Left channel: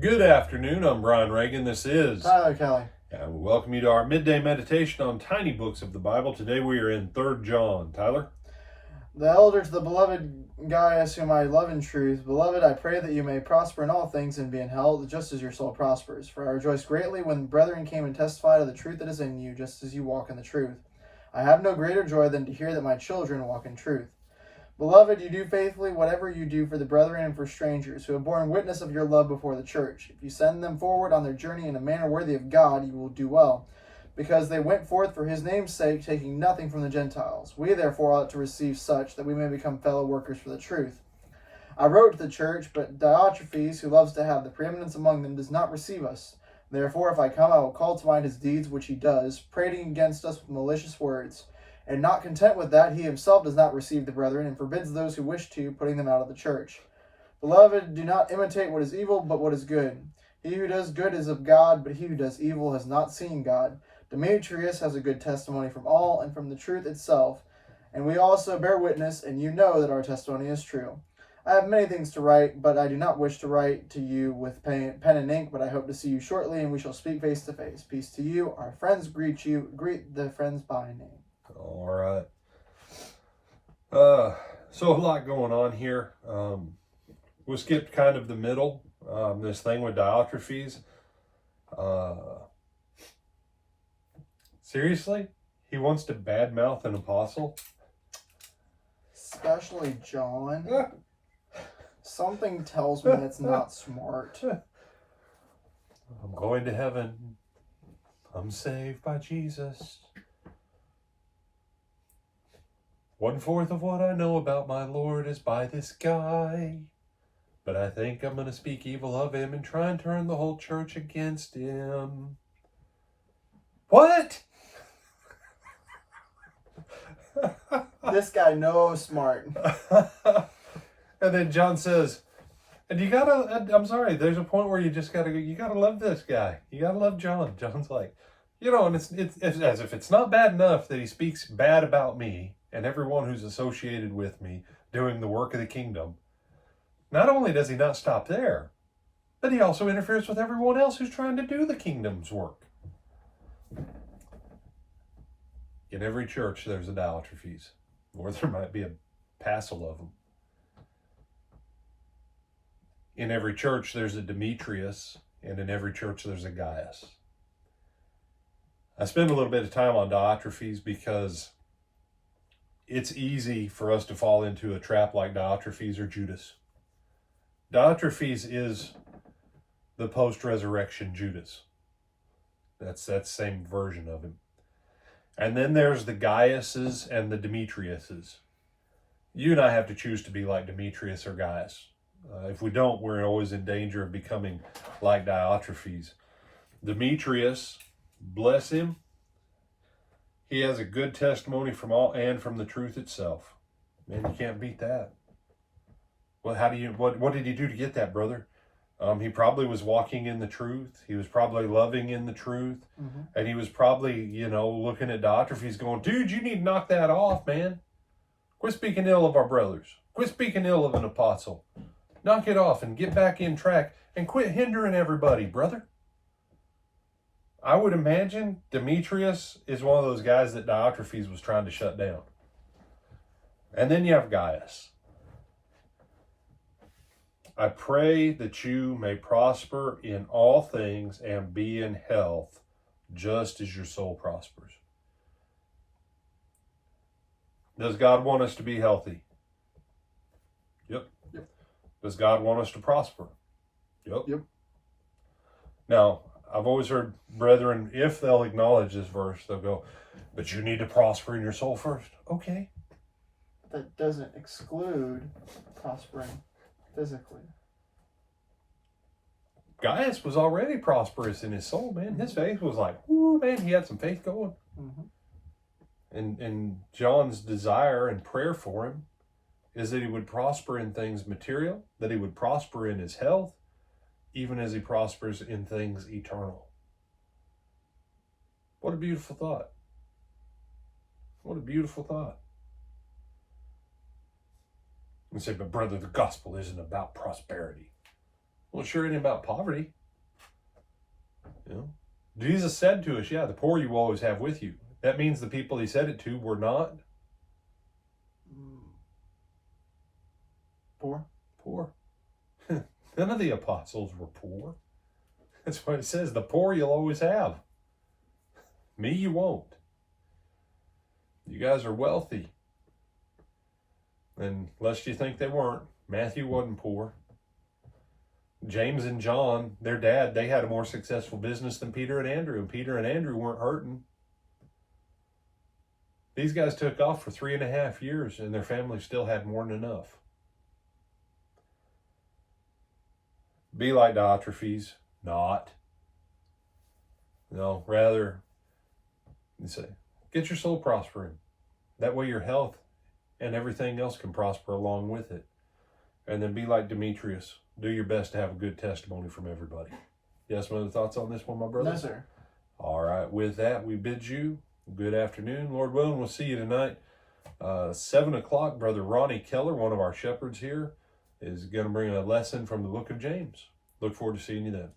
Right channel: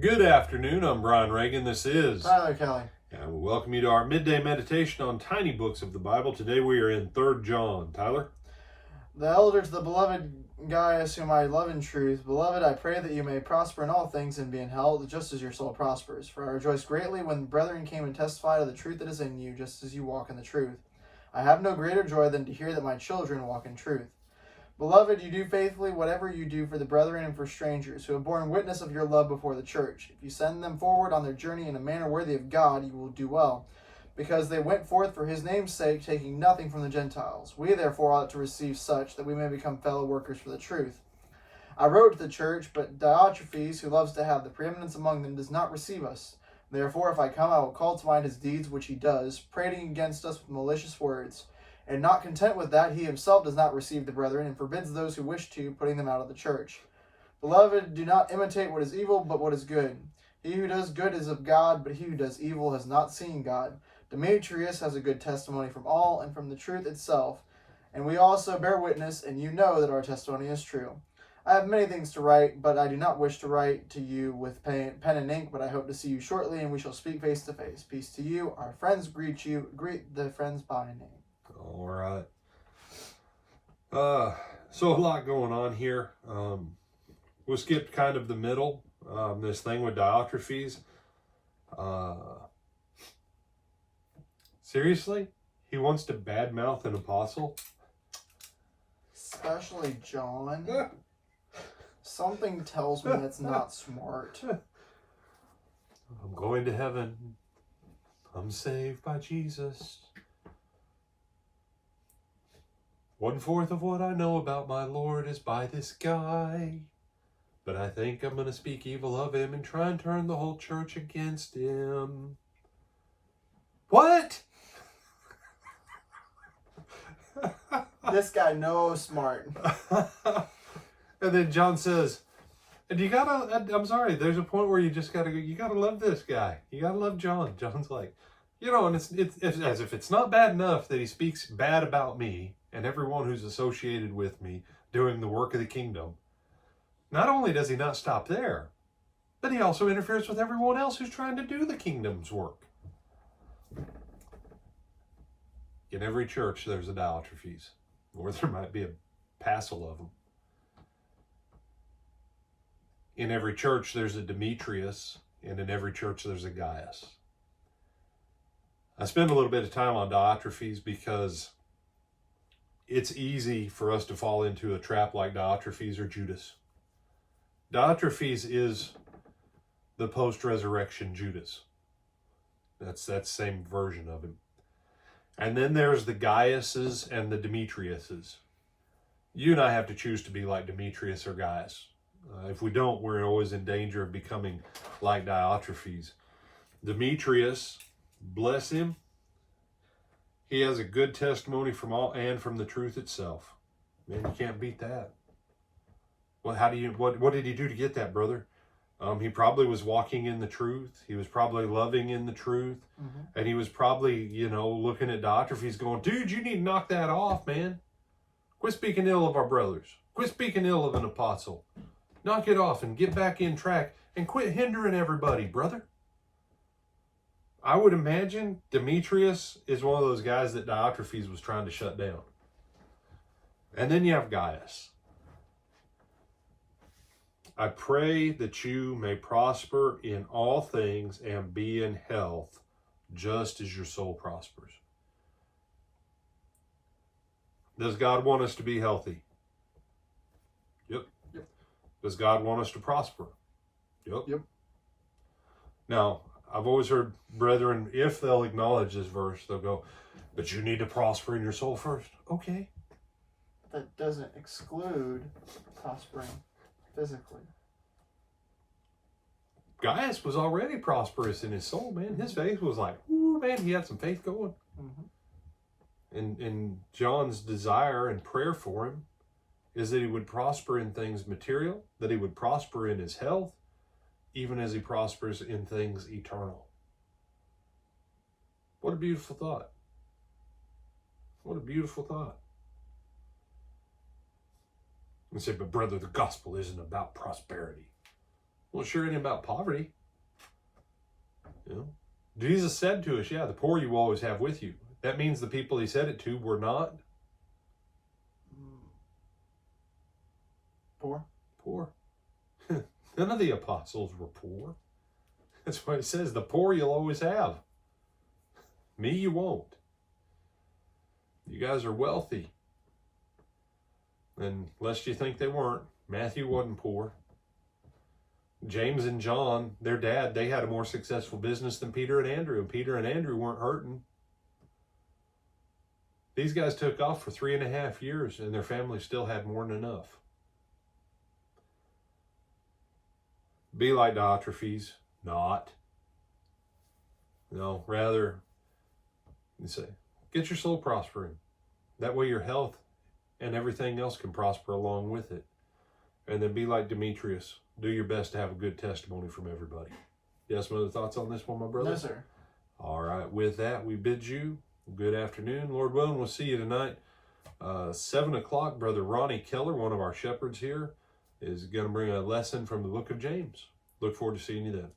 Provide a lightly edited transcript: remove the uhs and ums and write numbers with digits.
Good afternoon. I'm Brian Reagan. This is Tyler Kelly. and we welcome you to our midday meditation on tiny books of the Bible. Today we are in 3 John. Tyler? The elder to the beloved Gaius, whom I love in truth. Beloved, I pray that you may prosper in all things and be in health, just as your soul prospers. For I rejoiced greatly when brethren came and testified of the truth that is in you, just as you walk in the truth. I have no greater joy than to hear that my children walk in truth. Beloved, you do faithfully whatever you do for the brethren and for strangers, who have borne witness of your love before the church. If you send them forward on their journey in a manner worthy of God, you will do well, because they went forth for his name's sake, taking nothing from the Gentiles. We therefore ought to receive such, that we may become fellow workers for the truth. I wrote to the church, but Diotrephes, who loves to have the preeminence among them, does not receive us. Therefore, if I come, I will call to mind his deeds which he does, prating against us with malicious words. And not content with that, he himself does not receive the brethren, and forbids those who wish to, putting them out of the church. Beloved, do not imitate what is evil, but what is good. He who does good is of God, but he who does evil has not seen God. Demetrius has a good testimony from all, and from the truth itself. And we also bear witness, and you know that our testimony is true. I have many things to write, but I do not wish to write to you with pen and ink, but I hope to see you shortly, and we shall speak face to face. Peace to you. Our friends greet you. Greet the friends by name. All right. So a lot going on here. We skipped kind of the middle, this thing with Diotrephes. Seriously? He wants to badmouth an apostle? Especially John. Something tells me that's not smart. I'm going to heaven. I'm saved by Jesus. 1/4 of what I know about my Lord is by this guy. But I think I'm going to speak evil of him and try and turn the whole church against him. What? This guy knows smart. And then John says, and you gotta, I'm sorry, there's a point where you just gotta go, you gotta love this guy. You gotta love John. John's like, and it's as if it's not bad enough that he speaks bad about me and everyone who's associated with me doing the work of the kingdom. Not only does he not stop there, but he also interferes with everyone else who's trying to do the kingdom's work. In every church, there's a Diotrephes, or there might be a passel of them. In every church, there's a Demetrius, and in every church, there's a Gaius. I spend a little bit of time on Diotrephes because it's easy for us to fall into a trap like Diotrephes or Judas. Diotrephes is the post-resurrection Judas. That's that same version of him. And then there's the Gaiuses and the Demetriuses. You and I have to choose to be like Demetrius or Gaius. If we don't, we're always in danger of becoming like Diotrephes. Demetrius, bless him, he has a good testimony from all and from the truth itself. Man, you can't beat that. Well, what did he do to get that, brother? He probably was walking in the truth. He was probably loving in the truth. Mm-hmm. And he was probably, looking at Diotrephes going, dude, you need to knock that off, man. Quit speaking ill of our brothers. Quit speaking ill of an apostle. Knock it off and get back in track and quit hindering everybody, brother. I would imagine Demetrius is one of those guys that Diotrephes was trying to shut down. And then you have Gaius. I pray that you may prosper in all things and be in health, just as your soul prospers. Does God want us to be healthy? Yep. Does God want us to prosper? Yep. Now, I've always heard brethren, if they'll acknowledge this verse, they'll go, but you need to prosper in your soul first. Okay. That doesn't exclude prospering physically. Gaius was already prosperous in his soul, man. His faith was like, ooh, man, he had some faith going. Mm-hmm. And John's desire and prayer for him is that he would prosper in things material, that he would prosper in his health, even as he prospers in things eternal. What a beautiful thought. What a beautiful thought. You say, but brother, the gospel isn't about prosperity. Well, sure ain't about poverty. You know, Jesus said to us, yeah, the poor you will always have with you. That means the people he said it to were not Poor. poor. None of the apostles were poor. That's why it says the poor you'll always have. Me, you won't. You guys are wealthy. And lest you think they weren't, Matthew wasn't poor. James and John, their dad, they had a more successful business than Peter and Andrew. And Peter and Andrew weren't hurting. These guys took off for 3.5 years and their family still had more than enough. Be like Diotrephes, not. No, rather, you say, get your soul prospering. That way your health and everything else can prosper along with it. And then be like Demetrius. Do your best to have a good testimony from everybody. You have some other thoughts on this one, my brother? No, sir. All right. With that, we bid you good afternoon. Lord willing, we'll see you tonight. 7 o'clock, Brother Ronnie Keller, one of our shepherds here, is going to bring a lesson from the book of James. Look forward to seeing you then.